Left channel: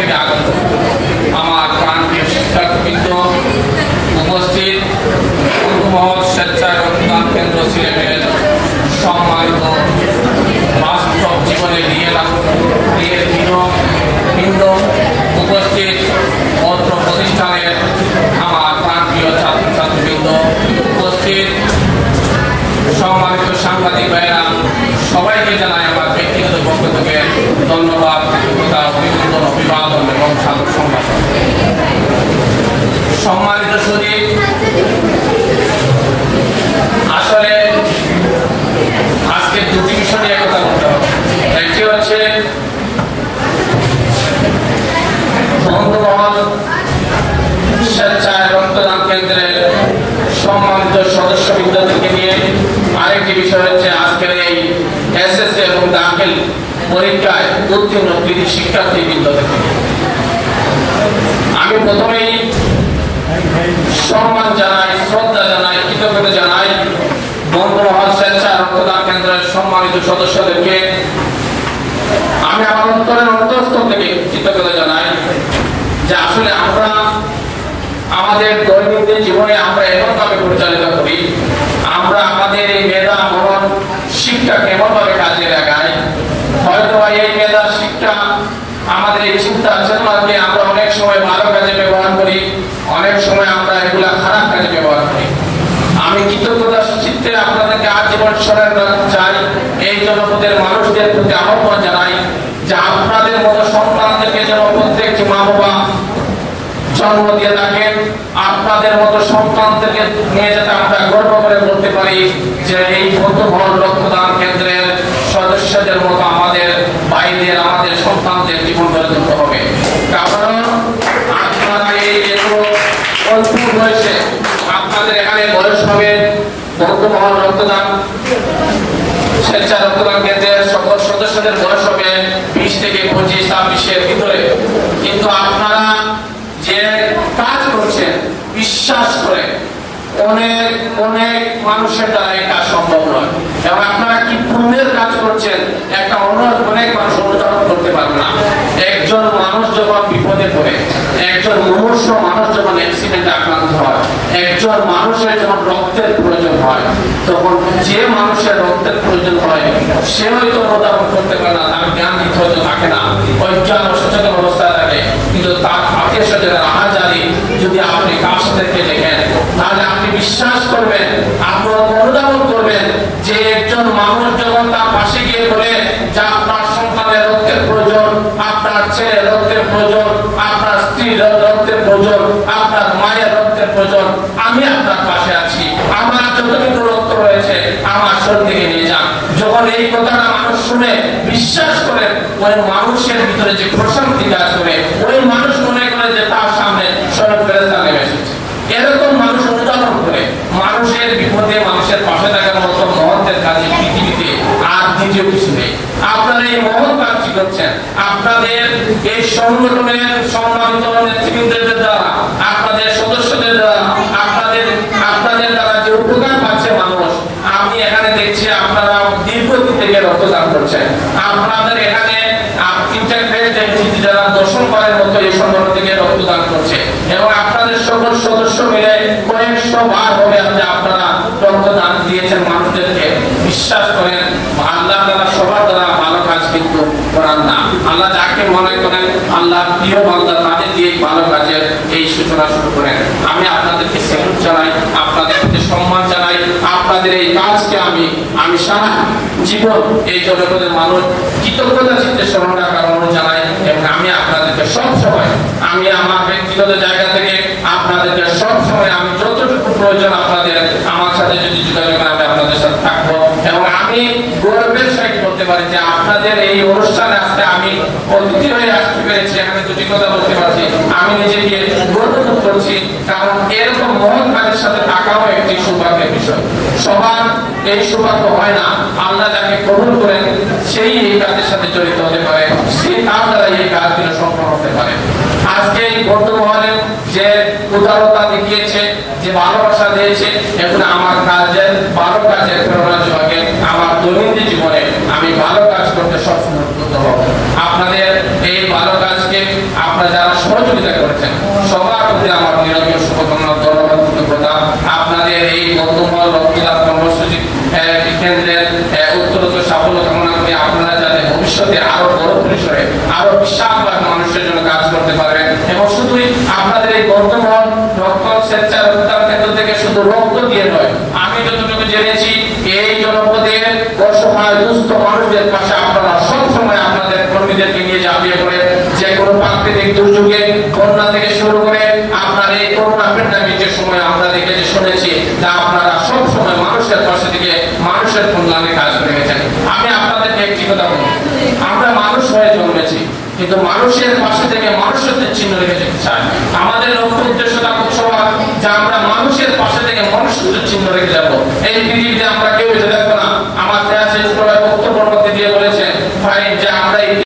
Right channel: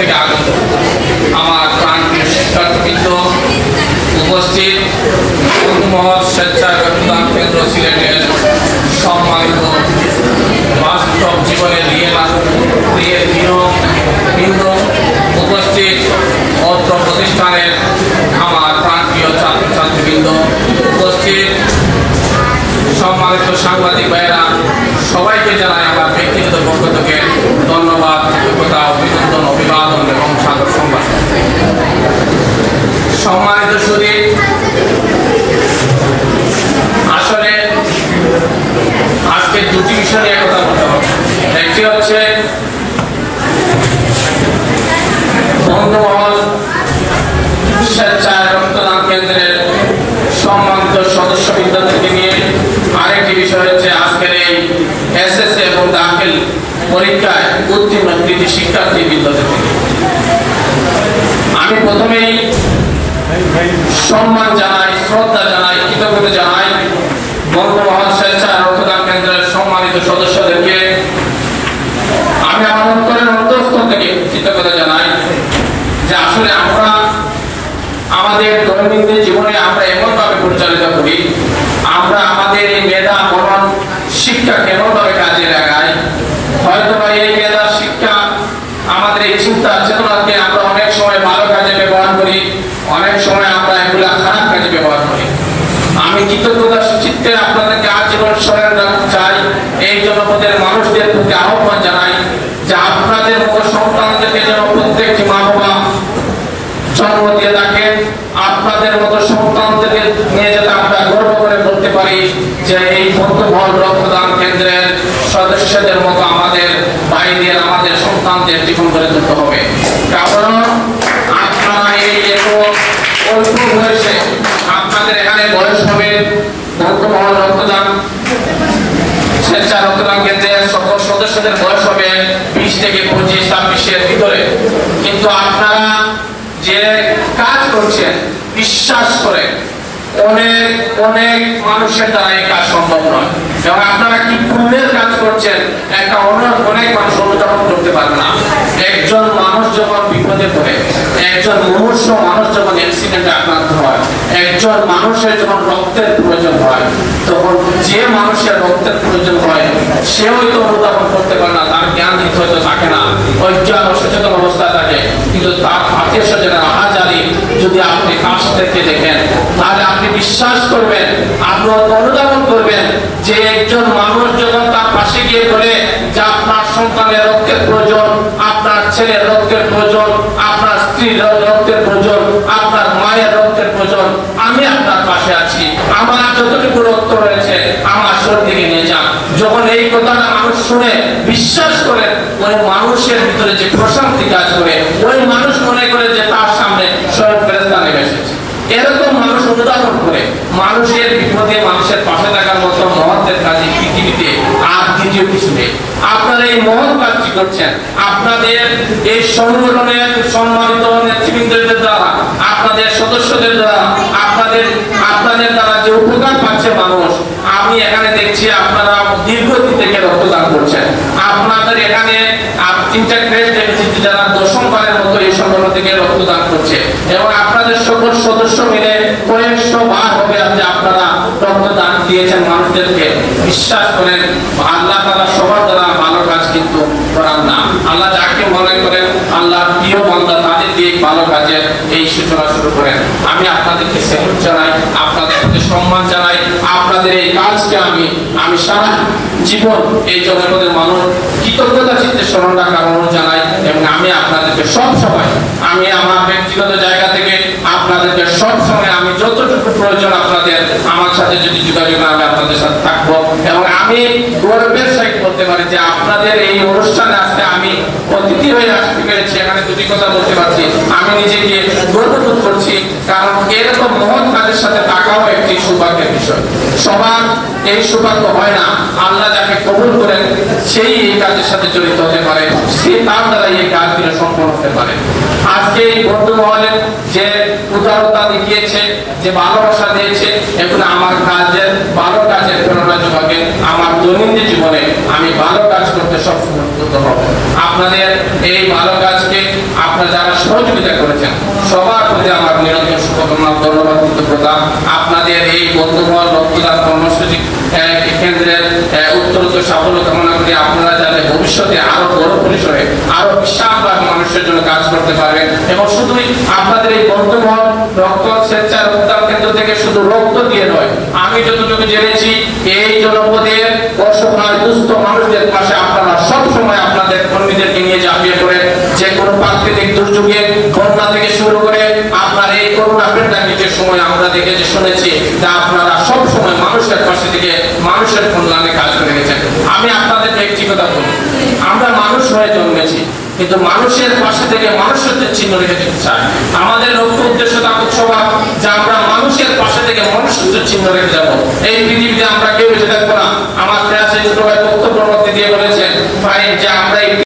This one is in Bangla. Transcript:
থেকে আগত আমার প্রাণপ্রিয় শিক্ষার্থীবৃন্দ, উপস্থিত মহৎ স্বেচ্ছায় রক্তদান কেন্দ্র সিলেটের সম্মানিত বাস্তব জীবনের বৃন্দ, উপস্থিত অত্র প্রতিষ্ঠানের আমার প্রাণপ্রিয় ছাত্রছাত্রীবৃন্দ, উপস্থিত সম্মানিত সাংবাদিক ভাইয়েরা, সবাইকে জানাই আমার ব্যক্তিগত পক্ষ থেকে ধন্যবাদ, কৃতজ্ঞতা, অভিনন্দন, অভিবাদন এবং স্বাগত সম্ভাষণ। সম্মানিত সুধী, আসলে আজকে দুটি বিষয় নিয়ে কথা বলতে হবে। একটি হচ্ছে বন্ধুমহল স্বেচ্ছায় রক্তদান কেন্দ্রের সম্মানিত সদস্যবৃন্দদেরকে নিয়ে, আরেকটি বিষয় হচ্ছে আজকের এই এসএসসি এবং দাখিল পরীক্ষায় উত্তীর্ণ কৃতি শিক্ষার্থীবৃন্দদেরকে নিয়ে। আমি প্রথমেই সম্মান জানাই, শ্রদ্ধা জানাই, কৃতজ্ঞতা জানাই বঙ্গমহল স্বেচ্ছা রক্তদান কেন্দ্রের সম্মানিত সদস্যদেরকে। আমি আমার অন্তরের অন্তঃস্থল থেকে কৃতজ্ঞতা জানাই যে আসলে আমরা আমাদের দৈনন্দিন জীবনে আমরা এমনভাবে পরিচালিত করি, আমরা আমাদের এই মেধা মনন শিক্ষা কেমনভাবে কাজে লাগাই। হয়তো এই মেধা শিক্ষা আমাদের এই চিন্তা চেতনাকে আমরা অনেক সময় ভালো কাজে ব্যবহার করি, অনেক সময় আমরা এগুলা খারাপ কাজে ব্যবহার করি। আমি কৃতজ্ঞতার চিত্তে আপনাদেরকে আজীবন স্মরণ রাখতে চাই। এই জনপদের মানুষদের প্রতি আহ্বান জানাই যে আপনাদের মতো সন্তানদেরকে যেন প্রত্যেকটি মা বাবা জন্ম দিয়ে থাকেন, আপনাদের মতো সন্তানদেরকে নিয়ে যাতে আমরা গর্ব করে বলতে পারি যে এই বন্ধুমহল রক্তদান কেন্দ্রের সদস্যদের মতো আমাদের ভাইদের, আমাদের সন্তানদের জীবন গড়ে তুলতে হবে। কারণ আপনারা এই এত অল্প বয়সে, আপনাদের এখানে বয়স হবে বন্ধুমহল রক্তদান স্বেচ্ছা রক্তদান কেন্দ্রের সকল সদস্যদের বয়স হবে 20 থেকে 25-26-এর ভিতরে, কিন্তু আপনারা যে কাজ করছেন বিশ্বাস করে অনেক অনেক মানুষের দ্বারা এই কাজ সম্ভব নয়। এবং আপনারা কি পুণ্যের কাজ করছেন, একটা অনেক মানুষ অনুধাবন করতে পারবে না। একজন মানুষ যখন বিপদে পড়ে, একজন মুমূর্ষ মানুষ যখন অ্যাক্সিডেন্টে আক্রান্ত হয়, একজন মানুষের যখন রক্তের প্রয়োজন হয়, তখন যে মানুষের রক্তের প্রয়োজন হয় সে হয়তো অনুধাবন করতে পারে না, তার জ্ঞান দিতে হয়তো থাকে না, অজ্ঞান অসচেতন অবস্থায় থাকে। কিন্তু তার আত্মীয় স্বজনের আহাজারি যদি আপনি কাছ থেকে দেখেন, তাহলে আপনি বিশ্বাস করবেন, আপনি অনুধাবন করবেন যে একজন মানুষ যখন তার পাশে গিয়ে বলে যে আপনার সন্তানের রক্তের প্রয়োজন, আপনার ছেলের রক্তের প্রয়োজন, আপনার স্ত্রীর রক্তের প্রয়োজন, আপনার মায়ের রক্তের প্রয়োজন, আমি আপনার পাশে আছি, আমার যতটুকু রক্ত রয়েছে আমার শরীর থেকে নিয়ে যান। যখন এই কথাটা মানুষ শুনে বিশ্বাস করে, ওই মানুষের ভিতরে যে প্রশান্তি কাজ করে, ওই মানুষ মনে করে যে তার সামনে স্বয়ং ফেরেশতা নেমে এসেছে। এরকম মানুষ অনুধাবন করে মানুষের বিপদে মানুষের পাশে থাকার মতো মহৎের কাজে পৃথিবীতে আর দ্বিতীয় কিছু নেই। আপনারা এই মহৎ কাজটি করছেন, আপনাদের এই সংগঠনের সম্মানিত নেতৃবৃন্দের দ্বারা, আপনাদের সদস্যদের দ্বারা, আপনাদের দ্বারা যে উপকার পাচ্ছে মানুষ। আমি এখানে দেখছি আপনারা দীর্ঘদিন থেকে রক্তদান করছেন। আপনাদের এখানে 3টা গ্রেড যারা 10ম বারের মতো এই সংগঠন থেকে রক্তদান করছে, এবং আপনাদের সকল সদস্য মিলে কয়েকশো বার হবে যে আপনারা রক্তদান দিয়েছেন মানুষদেরকে। বিশ্বাস করেন, আল্লাহ তাআলা সবার দ্বারা ভালো কাজ কিন্তু করান না। আল্লাহ যাকে মনে করেন আল্লাহ প্রিয় বান্দা, তাদের দিয়ে ভালো কাজের এই সূচনা শুরু করেন। আমি আপনাদেরকে স্যালুট জানাই, আপনাদের প্রতি সম্মান জানাই। আপনাদের এই কাজকে আমি সারা জীবন এই জনপদের মানুষ কৃতজ্ঞতা চিত্তে স্মরণ রাখার অনুরোধ জানাই। এবং আমি আপনাদেরকে সব সময়, আমি আমার ব্যক্তিগত জায়গা থেকে আপনাদেরকে সব সময় আমি যতটুকু প্রয়োজন আপনাদের আমার সাথে যদি যোগাযোগ, আমি আপনাদের সাথে থাকবো। এবং আমি গর্বের সহিত বলতে পারি যে আপনাদের এই অনুষ্ঠানে আজকে আমি অতিথি হয়ে আসতে পেরেছি, এখানে দুটি কথা বলতে পারছি, আমি নিজেকে গর্ববোধ করছি। কারণ এরকম মহৎ কাজের সাথে থাকাও একটি সৌভাগ্যের বিষয়। সবার এই সৌভাগ্য হয় না। আল্লাহ যাকে কবুল করেন সেই এই কাজের সাথে জড়িত হতে পারে, সে তার দ্বারা এই কাজগুলো সম্পন্ন হতে পারে। আজকে এই বন্ধুমহলের যে উদারতা দেখিয়েছে, যে ভালোবাসা দিয়েছে, এগুলো আমার কাজের ভালো কাজের প্রেরণা যোগাবে। আমার দৈনন্দিন জীবনে আমি ভালো কাজ করতে সবসময় উদ্বুদ্ধ হব। আপনাদের এই ভালো কাজকে আপনারা যারা সহযোগিতা করেছেন সবার প্রতি আমার নিরন্তর শুভকামনা, ধন্যবাদ, কৃতজ্ঞতা। আপনাদের এই বন্ধুমহল রক্তদান কর্মসূচি কেন্দ্রের উত্তরোত্তর সাফল্য কামনা করি। আপনারা যাতে ভবিষ্যতে আরো বড় পরিসরে আরো বিশাল মানুষের জন্য কাজ করতে পারবেন এবং শুধুই আপনাদের এই বন্ধুমহল রক্ত স্বেচ্ছা রক্তদান কেন্দ্র থেকে শুধু রক্ত দিয়ে নয়, আমি যতটুকু জেনেছি এই জনপদের অসহায় দুস্থ মানুষদের পাশে আপনারা সবসময় আপনাদের কর্মীদেরকে নিয়ে ঝাঁপিয়ে পড়ে যে কোনো প্রাকৃতিক দুর্যোগে বন্যা থেকে শুরু করে আপনার এই করোনা প্যান্ডামিকের সময় আমরা দেখেছি শুনেছি তা আপনারা সব সময় মানুষের পাশে থেকে মানুষের কল্যাণে কাজ করে গেছেন। আমি আপনাদেরকে একটি কথা বলি, আমরা মানুষ হয়ে জন্মেছি কিন্তু মানুষের পাশে থেকে মানুষত্বের চিহ্ন রেখে যেতে চাই। আমাদের লক্ষ্য উদ্দেশ্য থাকুক সবার যে আমরা মানুষের পাশে থেকে মানুষত্বের চিহ্ন রেখে যাবো। এই পৃথিবীতে আমরা কেউ এসে দেখবো না। আমার প্রায় ছোট ভাই বক্তব্যের মধ্যে দিয়ে বলেছেন ভাই যে